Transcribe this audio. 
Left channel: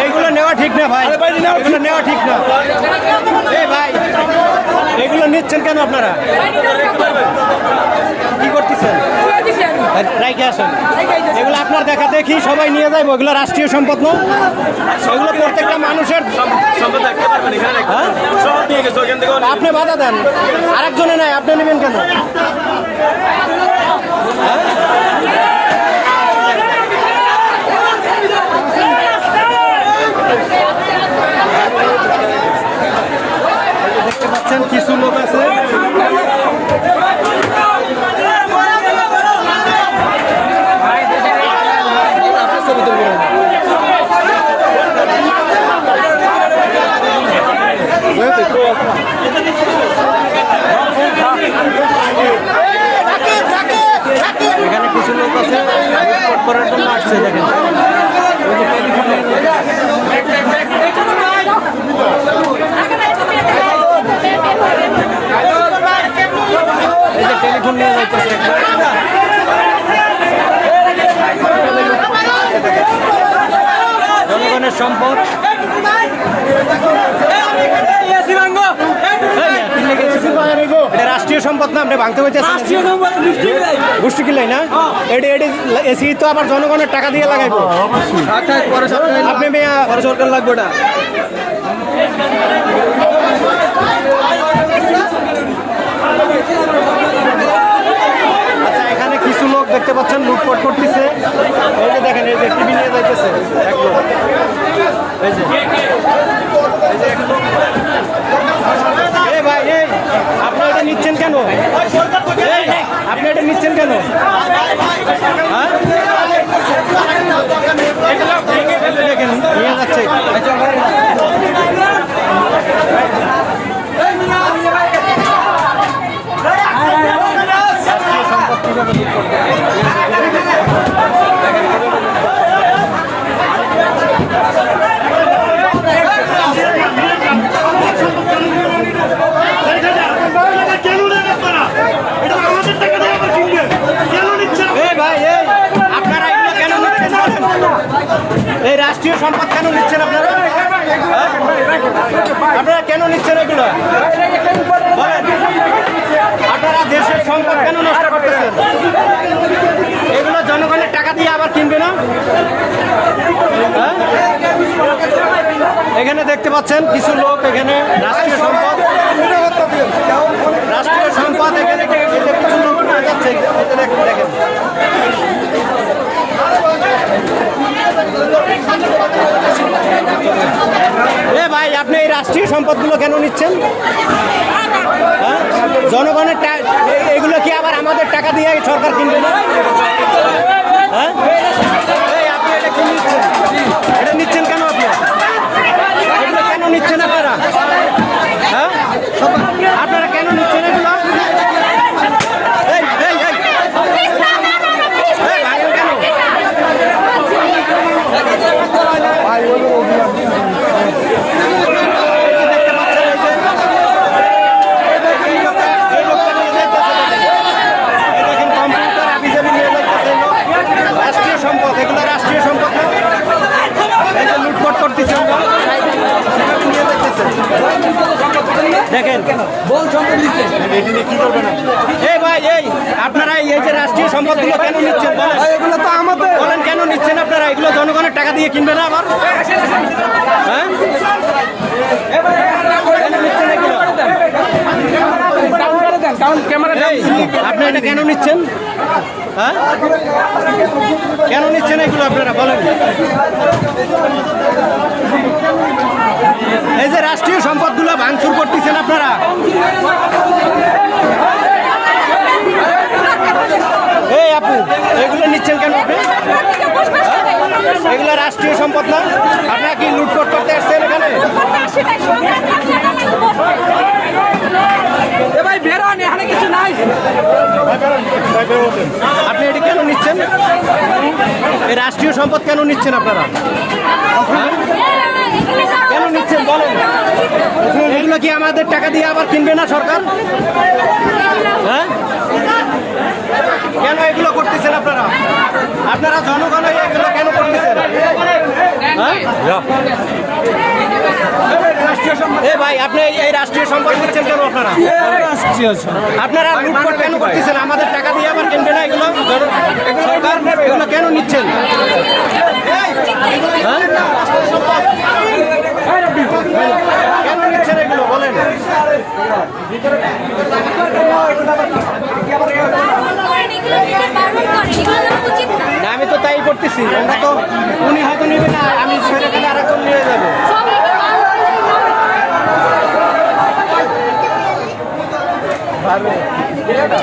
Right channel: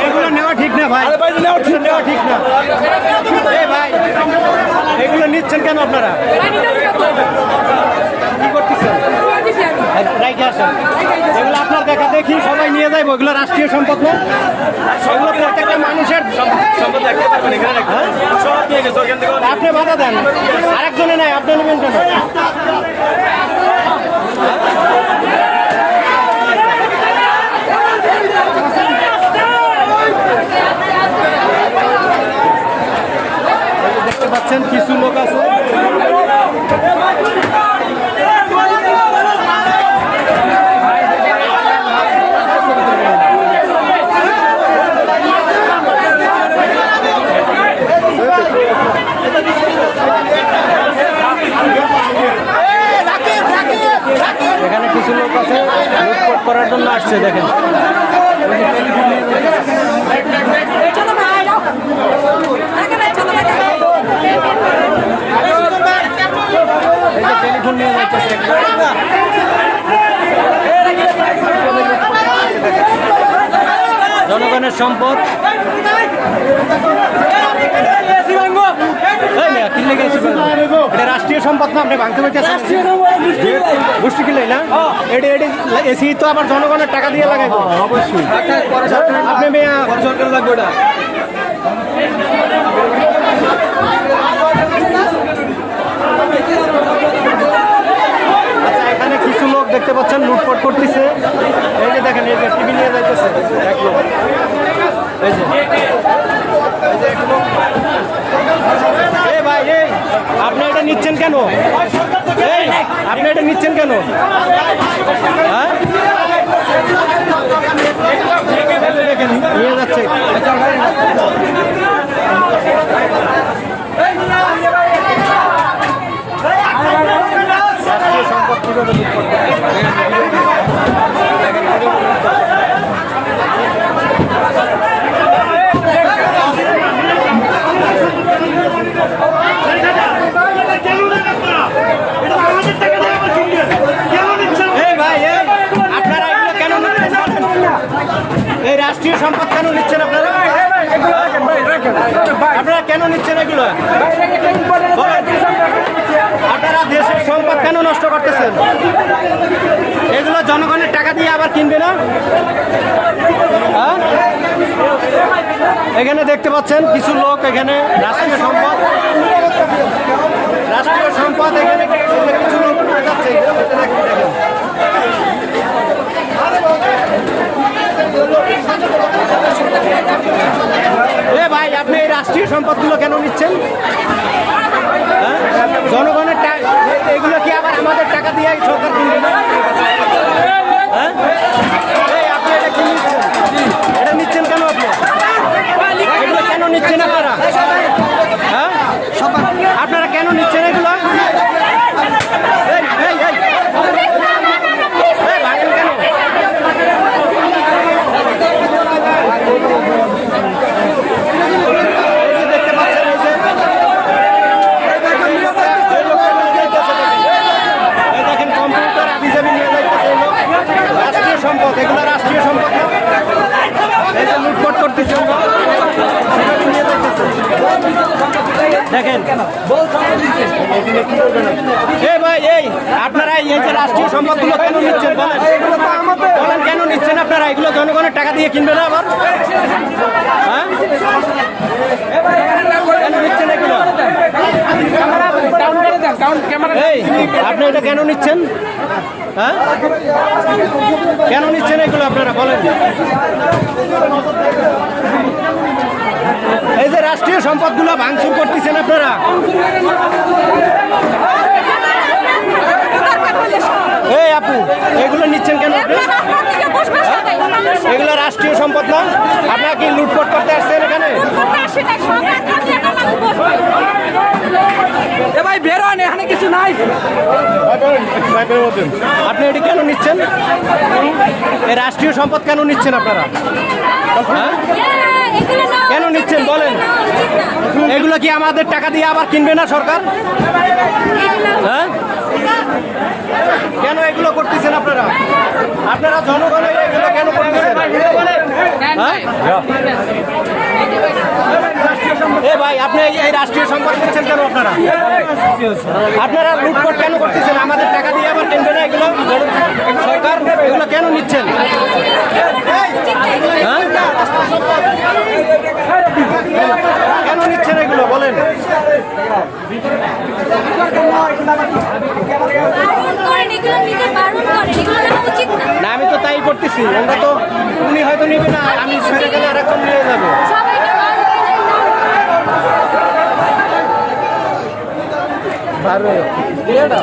এগুলো নেওয়া ঠিক না ভাই। নেওয়া ঠিক নেওয়া ঠিক না। এই ভাই। এগুলো নিচ্ছেন কেন আপনারা? কি করতেছেন? আসেন। এগুলো আপনার দেখা দেখি সবাই নিয়ে যাইবো। এগুলো রাষ্ট্রীয় সম্পদ না? এগুলো প্রত্যেকটা মানুষের সম্পদ রাখতে পারবেন এখানে হ্যাঁ? সব নিয়ে গেছে আপনি বাধা দেন। আরেকজনে নাই আপনি নেবেন কেন? পাচ্ছেন, কিছু লোক আছে। এখানে কিছু লোক আছে করার জন্য আসছে, দেখেন। ওই যে টেলিফোন নিয়ে যাচ্ছে। এই যে টেলিফোন নিয়ে যাইতেছে একবার কীভাবে লুটপাট করতেছে দেখেন। জনগণের সম্পদ। এটা রাষ্ট্রীয় সম্পদ না আপনি ভাঙতে পারছেন গোষ্ঠী কিনলে না? এটি এটি এসি তো আবার জনগণের টাকা দিয়ে লাগাইবো। অবশ্যই। আপনি মেয়া সরকার লাগবে না আচ্ছা এখানে কিছু লোক দেখতে পাচ্ছেন করতেছে। এই যে দেখেন, এই যে টিভি নিয়ে যাইতেছে। এক লোক। এই যে। এই যে এক লোক। এ ভাই আপনি এটা নিচ্ছেন কেন? আপনি এটা নিচ্ছেন কেন? হ্যাঁ লুটপাট করতে এই ভাই এই আপনারা এগুলো কেন নিচ্ছেন বলেন এই রাষ্ট্রীয় সম্পদ কেন নিচ্ছেন আপনারা? হ্যাঁ? আপনারা কেন নিচ্ছেন এগুলো? বলেন। আপনারা দেশের সম্পদ কেন নষ্ট করতেছেন? এগুলো জনগণের টাকা দিয়ে আবার কিনবে না? হ্যাঁ? এখানে দেখতে পাচ্ছেন কিছু লোক এখানে রাষ্ট্রীয় সম্পদ। রাষ্ট্রীয় সম্পদ এখানে কিছু লোক নিয়ে যাচ্ছে দেখেন দেখেন। এ ভাই রাষ্ট্রীয় সম্পদগুলো কেন নিচ্ছেন? হ্যাঁ? জনগণের টা- এ- এগুলো কি আবার আমাদের টাকা দিয়ে সরকার কিনবে না? হ্যাঁ? আপনি এটা কি নিচ্ছেন? এটা নিচ্ছেন কেন আপনি? এগুলো কেন নিচ্ছেন আপনারা? হ্যাঁ? আপনারা কেন নিচ্ছেন এগুলো এই এই এই এই, ভাঙেন কেন এই যে দেখতে পাচ্ছেন এই যে এই লোকটা নিয়ে যাইতেছে দেখেন। এই দেখেন কম্পিউটার আবিজাবি নিয়ে যাইতেছে এই লোক রাষ্ট্রীয় সম্পদ এগুলো রাষ্ট্রীয় সম্পদ না লুটপাট করতেছে আমরা। দেখেন। এই ভাই এই আপনারা এই যে রাষ্ট্রীয় সম্পদগুলো কেন নিচ্ছেন বলেন? বলেন কেন নিচ্ছেন আপনারা? এগুলো জনগণের টাকা দিয়ে কিনবে না আবার? হ্যাঁ? কেন নিচ্ছেন এগুলো? আপনি এটা কেন নিচ্ছেন? হ্যাঁ? কেন নিচ্ছেন এগুলো আপনারা? বলেন। এই যে রাষ্ট্রীয় সম্পদগুলো ভাঙচুর করতেছেন আপনারা। এই আপু, এগুলো নিচ্ছেন কেন আপনি? এগুলো রাষ্ট্রীয় সম্পদ না? আপনারা কি লুটপাট করতে আসছেন এখানে? এখানে কিছু নাই। আপনি এটি কেন নিচ্ছেন? এই রাষ্ট্রীয় সম্পদ কেন নিচ্ছেন আপনারা? হ্যাঁ? কেন নিচ্ছেন? বলেন। এগুলো কি আমাদের টাকা দিয়ে আবার কিনবে না সরকার? হ্যাঁ? কেন এগুলো করতেছেন আপনারা? আপনারা জনগণ এগুলো কেন করতেছেন? হ্যাঁ? এ ভাই আপনি এই- রাষ্ট্রীয় সম্পদ নিচ্ছেন কেন আপনারা? আপনারা লুটপাট কেন করতেছেন? আমাদের টাকা দিয়ে আবার কিনবে না এগুলো? সরকার এগুলো কেন নিচ্ছেন? হ্যাঁ? কেন নিচ্ছেন এগুলো? বলেন। না আমি তো তাই করতেছি। আমরা তো উনি হয়তো নেবে না আমি সেটা গেলে আরেকজন নিয়ে যাবে। সবাই